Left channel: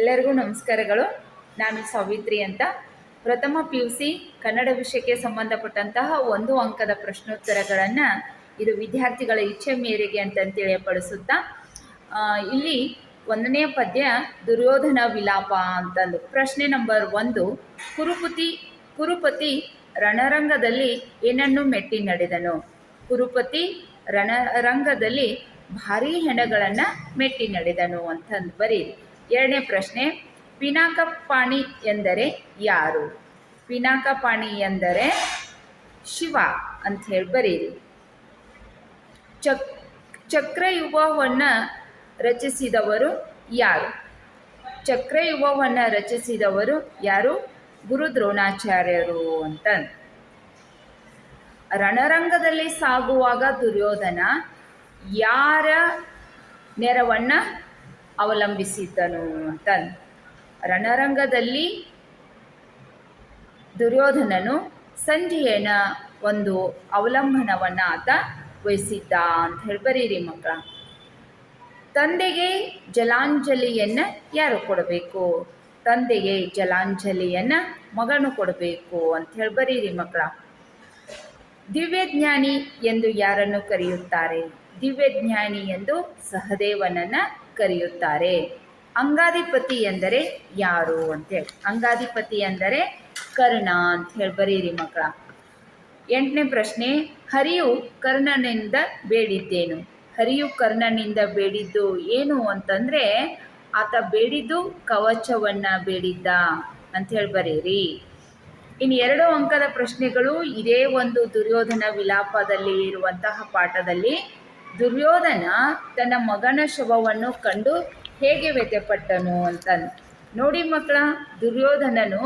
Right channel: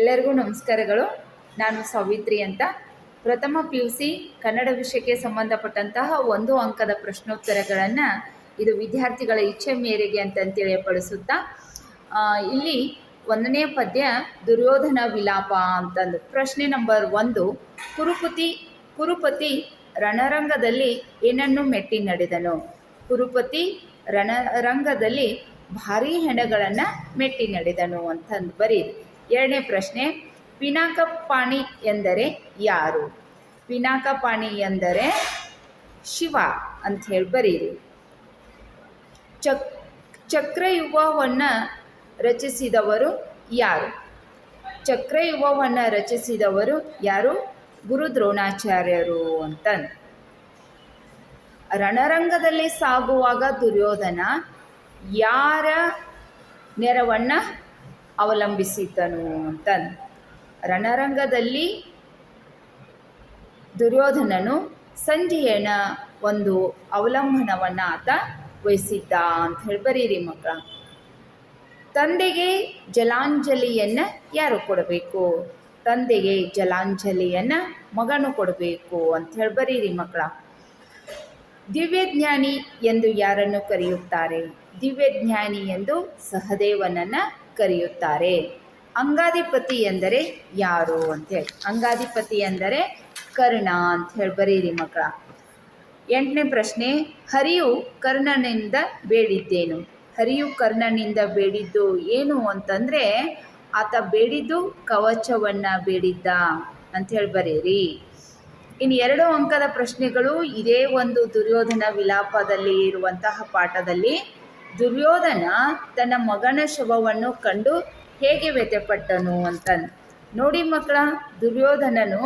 ಎಲ್ಲರಿಗೂ ನಮಸ್ಕಾರಗಳು. ನಾನು ಸಾವಿತ್ರಿ ಅಂತ. ಪ್ರಥಮ ಪಿ ಯು ಸಿ ಕನ್ನಡ ವಿಷಯಕ್ಕೆ ಸಂಬಂಧಪಟ್ಟಂತಹ ಒಂದು ಅಂಕದ ಪ್ರಶ್ನೋತ್ತರಗಳನ್ನು ಇದು ವಿದ್ಯಾರ್ಥಿಗಳ ಇಚ್ಛೆ ಮೇರೆಗೆ ಅಂತ ಪಡಿಸುತ್ತಾ ಇಲ್ಲಿ ಒಂದನೇ ಪದ್ಯ ದುರ್ಯೋಧನ ವಿಲಾಪ ಅಂತಂದು. ಪ್ರಶ್ನೆ ನಂಬರ್ ಒಂದು, ಕುರುಪತಿ ಕುರುಪತಿ ರಣರಂಗದಲ್ಲಿ ಏನನ್ನು ಮೆಟ್ಟಿ ನಡೆದನು? ಕುರುಪತಿ ರಣರಂಗದಲ್ಲಿ ಭಾರೀ ಹೆಣಗಳನ್ನು ಮೆಟ್ಟಿ ನಡೆದನು ಅಂತಂದು ಬರೀರಿ. ಎರಡನೇ ಪ್ರಶ್ನೆ ಪಿನಾಕಪಾಣಿ ಎಂದರೆ ಯಾರು? ಪಿನಾಕಪಾಣಿ ಎಂದರೆ ಶಿವ ಅಂತ ಹೇಳಿ ಬರೀರಿ. ಚಕ್ ಚಕ್ರಯುಗವನ್ನು ರಚಿಸಿದವರು ಯಾರು? ಚಕ್ರಯುಗವನ್ನು ರಚಿಸಿದವರು ಯಾರು? ಗುರು ದ್ರೋಣಾಚಾರ್ಯರು ಅಂತ. ರಣರಂಗದಲ್ಲಿ ಸಾಗುವಾಗ ದುರ್ಯೋಧನ ಯಾರ ನೆರವನ್ನು ಅವಲಂಬಿಸಿದ್ದನು ಅಂತ ರಣರಂಗದಲ್ಲಿ ದುರ್ಯೋಧನನು ಸಂಜಯನ ಒಂದು ಅವಲಂಬನವನ್ನು ಆತ ವಹಿಸಿದ್ದ ಅಂತ ಹೇಳಿ ಬರೀರಿ ಮಕ್ಕಳ. ತಂದೆಗೆ ಜಲಾಂಜಲಿಯನ್ನು ಯಾರು ಕೊಡಬೇಕು? ತಂದೆಗೆ ಜಲಾಂಜಲಿಯನ್ನು ಮಗನು ಕೊಡಬೇಕು ಅಂತ ಹೇಳಿ ಬರೀರಿ ಮಕ್ಕಳ. ದಿವ್ಯಜ್ಞಾನಿ ಎಂದು ಯಾರನ್ನು ಕರೆಯುತ್ತಾರೆ? ದಿವ್ಯಜ್ಞಾನಿ ಎಂದು ಸಹದೇವನನ್ನು ಕರೆಯುತ್ತಾರೆ. ಅಂಗಾಧಿಪತಿ ಎಂದರೆ ಯಾರು ಅಂತೇಳಿ ಅಂಗಾಧಿಪತಿ ಎಂದರೆ ಕರ್ಣ ಅಂತ ಹೇಳಿ ಬರೀರಿ ಮಕ್ಕಳ. ಎಂಟನೇ ಪ್ರಶ್ನೆ, ಹರಿಯು ಕರ್ಣನಿಂದ ಬೇಡಿದ್ದೇನು? ಹರಿಯು ಕರ್ಣನಿಂದ ಬೇಡಿದ್ದು ಏನು ಅಂತಂದರೆ, ಆತ ಬೇಡಿದ್ದು ಕವಚವನ್ನು ಬೇಡಿದ್ದ ಅಂಥೇಳಿ ಬರೀರಿ. ಇನ್ನು ಎರಡು ಅಂಕದ ಪ್ರಶ್ನೆಗಳು ಇದೇ ಒಂದು ದುರ್ಯೋಧನ ವಿಲಾಪದಲ್ಲಿ ಇರುವಂತಹ ಪಾಠದಲ್ಲಿ ದುರ್ಯೋಧನ ತನ್ನ ಮಗನ ಶವವನ್ನು ಕಂಡು ಹೇಗೆ ವ್ಯಥೆಪಟ್ಟನು ಅಂತ ನೋಡಿ ಮಕ್ಕಳ, ದುರ್ಯೋಧನನು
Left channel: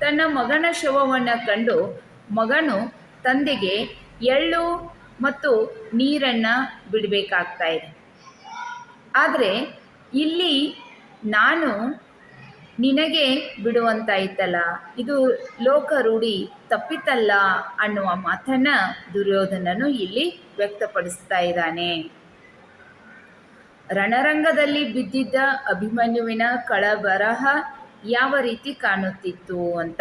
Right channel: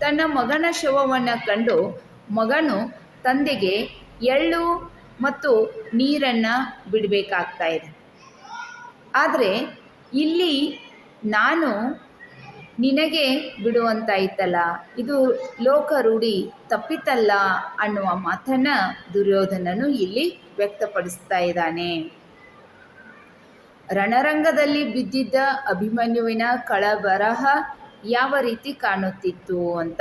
ತನ್ನ ಮಗನ ಶವವನ್ನು ಕಂಡು ಮಗನು ತಂದೆಗೆ ಎಳ್ಳು ಮತ್ತು ನೀರನ್ನು ಬಿಡಬೇಕಾಗ್ತಾ ಇದೆ. ಆದರೆ ಇಲ್ಲಿ ನಾನು ನಿನಗೆ ಬಿಡುವಂತಾಯ್ತಲ್ಲ, ಇದು ಲೋಕ ರೂಢಿ ತಪ್ಪಿತಲ್ಲ ಅನ್ನುವ ಮಾತನ್ನು ದುರ್ಯೋಧನನು ಇಲ್ಲಿ ವ್ಯಕ್ತಪಡಿಸ್ತಾ ಇದ್ದಾನೆ. ರಣರಂಗದಲ್ಲಿ ಬಿದ್ದಿದ್ದ ಅಭಿಮನ್ಯುವಿನ ಕಳಬರಹ ಯಾವ ರೀತಿ ಕಾಣುತ್ತಿತ್ತು ಅಂತ.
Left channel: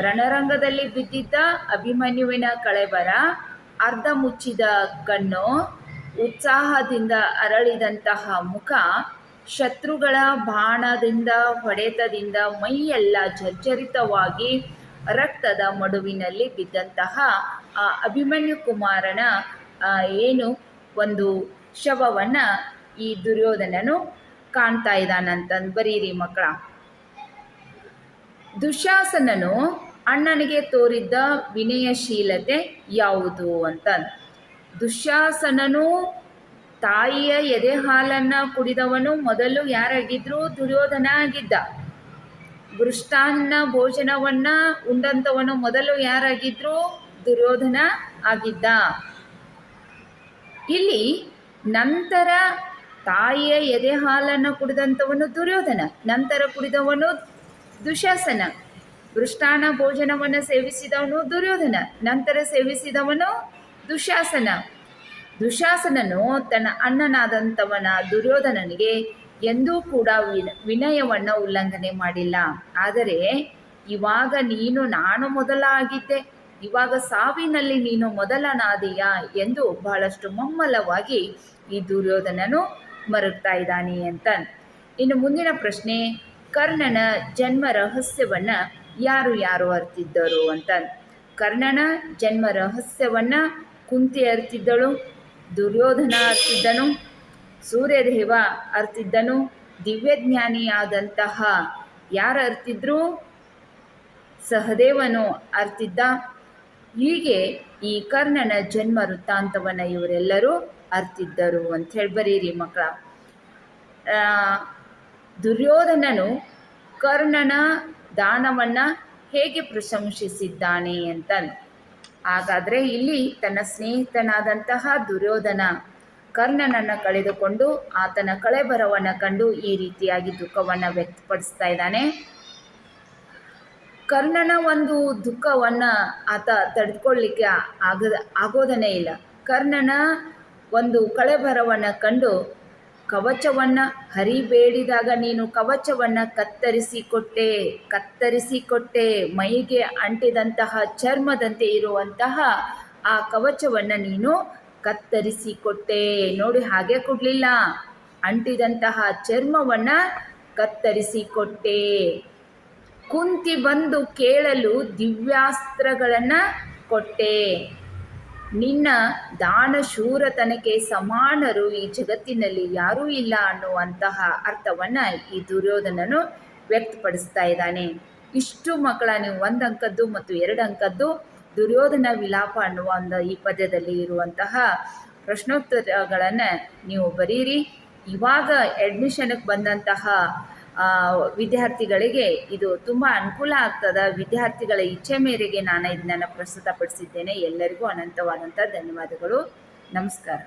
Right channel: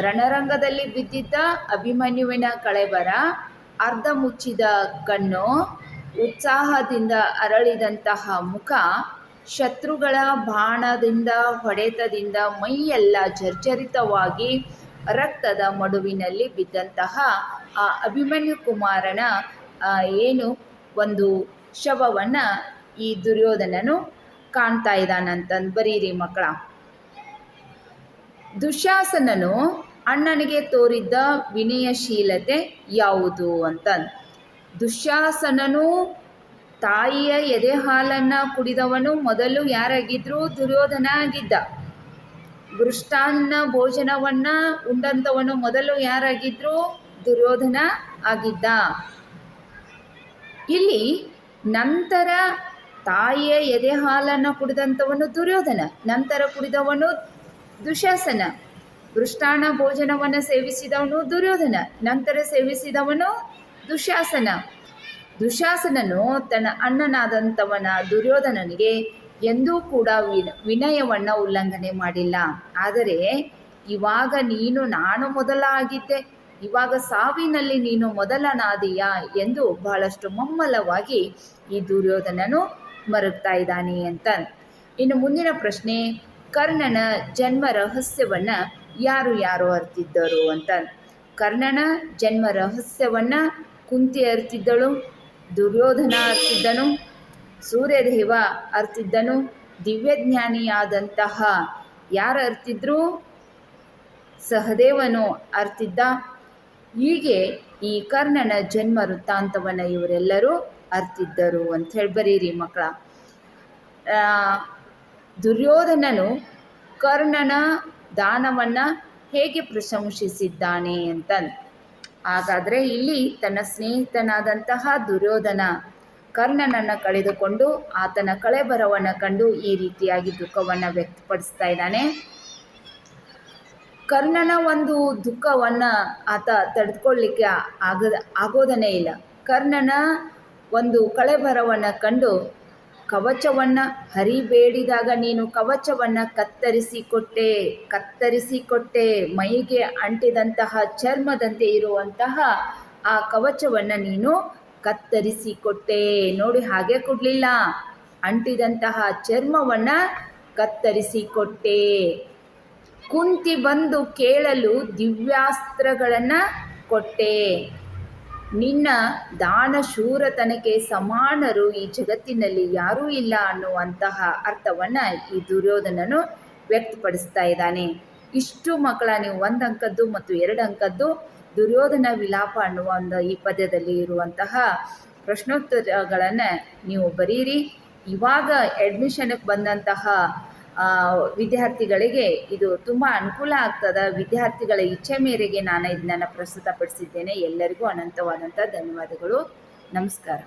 ರಣರಂಗದಲ್ಲಿ ಬಿದ್ದಿದ್ದ ಅಭಿಮನ್ಯುವಿನ ಕಳೆಬರ ಅರ್ಧ ಮುಚ್ಚಿದ ಕಣ್ಣು, ಉತ್ಸಾಹದಿಂದ ಅರಳಿದಂತಹ ಮುಖ, ಶತ್ರುಗಳ ಬಾಣದಿಂದ, ಹೊಡೆತದಿಂದ, ಮೈಯೆಲ್ಲ ಜರ್ಜರಿತವಾಗಿ ರಕ್ತದ ಮಡುವಿನಲ್ಲಿ ಬಿದ್ದಂತಹ ಆ ಅಭಿಮನ್ಯು ಕುಮಾರನ ಏನು ಒಂದು ಶವವನ್ನ ಈ ದುರ್ಯೋಧನನು ಕಾಣ್ತಾ ಇದ್ದಾನಂತಂದು ಬರೀರಿ ಮಕ್ಕಳ. ದುಶಾಸನನು ಅಣ್ಣನಿಗೆ ತೋರಿದ್ದ ವಿನಯಶೀಲತೆ ಯಾವುದು ಅಂತ ದುಶಾಸನನು ತಾಯಿಯ ಎದೆ ಹಾಲನ್ನು ಕುಡಿದವನು ಮೊದಲು ಯಾರಾಗಿದ್ರು ದುರ್ಯೋಧನ ಆಗಿದ್ದ ಮೃಷ್ಟಾನ್ನ ಭೋಜನವನ್ನ ಉಂಡಂತವನು ಮೊದಲು ಯಾರಾಗಿದ್ರು ದುರ್ಯೋಧನ ಆಗಿದ್ದ. ಇಲ್ಲಿ ನಂತರ ತಾಯಿಯ ಎದೆ ಹಾಲನ್ನು ಕುಡಿದಂಥವನು ದುರ್ಯೋಧನ, ನಂತರ ಕುಡಿದವನು ದುಶಾಸನ ಮೃಷ್ಟಾನ ಭೋಜನವನ್ನು ಸೇವಿಸಿದವನು ದುರ್ಯೋಧನ, ನಂತರ ಸೇವಿಸಿದವನು ದುಶಾಸನ. ದುಶಾಸನನು ತನ್ನ ಅಣ್ಣನಾದಂಥವನ ದುರ್ಯೋಧನನಿಗೆ ಎಂದೂ ಕೂಡ ವಿನ, ವಿನಯವನ್ನು ಉಲ್ಲಂಘನೆ ಮಾಡಿಲ್ಲ. ಆದರೆ ಇವಾಗ ನೀನು ನಾನು ಮೊದಲ ಆಗಿದ್ದೆ ಇವಾಗ ಸಾವಿನಲ್ಲಿ ನೀನು ಮೊದಲನಾದೀಯ ಎಂದು ಬಹಳಷ್ಟು ಮಮ್ಮಲವಾಗಿ ಈ ದುರ್ಯೋಧನನು ಮರುಗ್ತಾ ಇದ್ದಾನೆ ಅಂತ. ಇನ್ನು ಮುಂದಿನ ಪ್ರಶ್ನೆ, ಕರ್ಣನ ಜನ್ಮ ರಹಸ್ಯವನ್ನ ಯಾರು ಯಾರು ಅರ್ತಿದ್ದರು ಅಂತ. ಕರ್ಣನ ಜನ್ಮ ರಹಸ್ಯವನ್ನ ಕುಂತಿ ಅರ್ತಿದ್ದಳು, ದುರ್ಯೋಧನ ಅರ್ತಿದ್ದನು, ಸೂರ್ಯದೇವ ಅರ್ತಿದ್ದನು, ದಿವ್ಯಜ್ಞಾನಿಯಾದಂತಹ ಯಾರು ಅರ್ತಿದ್ರು? ಸಹದೇವನು ಅರ್ತಿದ್ದ ಹೀಗೆ ಈ ಕರ್ಣನ ಜನ್ಮ ವೃತ್ತಾಂತವನ್ನು ಇವರೆಲ್ಲರೂ ಅರ್ತಿದ್ದರು ಅಂತ ಹೇಳಿ ಬರೀರಿ ಮಕ್ಕಳ. ದುರ್ಯೋಧನನು ಕರ್ಣನ ದಾನವನ್ನು ಹೇಗೆ ಪ್ರಶಂಸಿಸಿದ್ದಾನೆ ಅಂತ ಹಾಗಾದರೆ ಇಲ್ಲಿ ತನ್ನ ಸ್ನೇಹಿತನಾದಂತಹ ದುರ್ಯೋಧನ ಕರ್ಣನನ್ನು ಕಳೆದುಕೊಂಡು ಆತನ ಕಳೆಬರವನ್ನು ಕಂಡು ಈ ರೀತಿಯಾಗಿ ದುಃಖವನ್ನು ವ್ಯಕ್ತಪಡಿಸ್ತಾ ಇದ್ದಾನೆ. ಕರ್ಣನ ಒಂದು ದುಃಖವನ್ನು ಆತ ತಡೆದುಕೊಳ್ಳಿಕ್ಕೆ ಆಗದ ಆಗೋದನೇ ಇಲ್ಲ. ಕರ್ಣನ ಒಂದು ಕಳೆಬರವನ್ನು ಕಂಡು ಕವಚವನ್ನು ಹರಿಬೇಡಿದಾಗ ನೀನು ಕವಚವನ್ನು ಕತ್ತರಿಸಿಕೊಟ್ಟೆ ಕತ್ತರಿಸಿಕೊಟ್ಟೆ. ಮೈಗೆ ಅಂಟಿದಂತಹ ಚರ್ಮದಂತೆ ಇರುವಂತಹ ಆ ಕವಚವನ್ನು ನೀನು ಕತ್ತರಿಸಿಕೊಟ್ಟೆ. ನೋಡಿ ಹಾಗೆ ಕೊಡಲಿಲ್ಲ. ಅಂಟಿದಂತಹ ಚರ್ಮವನ್ನು ಕತ್ತರಿಸಿಕೊಟ್ಟೆ. ಕುಂತಿ ಬಂದು ಕೇಳಲು ದಿವ್ಯಾಸ್ತ್ರಗಳನ್ನು ಕೊಟ್ಟೆ. ನಿನ್ನ ದಾನ ಶೂರತನಕ್ಕೆ ಸಮಾನರು ಈ ಜಗತ್ತಿನಲ್ಲಿ ಯಾರೂ ಇಲ್ಲ ಅನ್ನುವಂತಹ ಅರ್ಥವನ್ನು ಈ ದುರ್ಯೋಧನನು ವ್ಯಕ್ತಪಡಿಸ್ತಾ ಇದ್ದಾನೆ. ಇಷ್ಟು ಮಕ್ಕಳ ನೀವು ಒಂದು ಅಂಕದ್ದು ಮತ್ತು ಎರಡು ಅಂಕದ್ದು ದುರ್ಯೋಧನ ವಿಲಾಪ ಅನ್ನುವ ಒಂದು ಈ ಪದ್ಯದಲ್ಲಿ ಇರುವಂತಹ ಪ್ರಶ್ನೋತ್ತರಗಳನ್ನು ನೀವು ಬರೀರಿ. ಇವಾಗ ಅಡ್ಮಿಷನ್ಗೆ ಬಂದಂತಹ ವಿದ್ಯಾರ್ಥಿಗಳಿಗೆ ಇದು ತುಂಬ ಅನುಕೂಲ ಆಗ್ತದ. ವಿದ್ಯಾರ್ಥಿಗಳ ಇಚ್ಛೆ ಮೇರೆಗೆ ನಾನು ಇದನ್ನು ಪ್ರಸ್ತುತಪಡಿಸಿದ್ದೇನೆ. ಎಲ್ಲರಿಗೂ ಅನಂತವಾದಂಥ ಧನ್ಯವಾದಗಳು. ನಮಸ್ಕಾರ.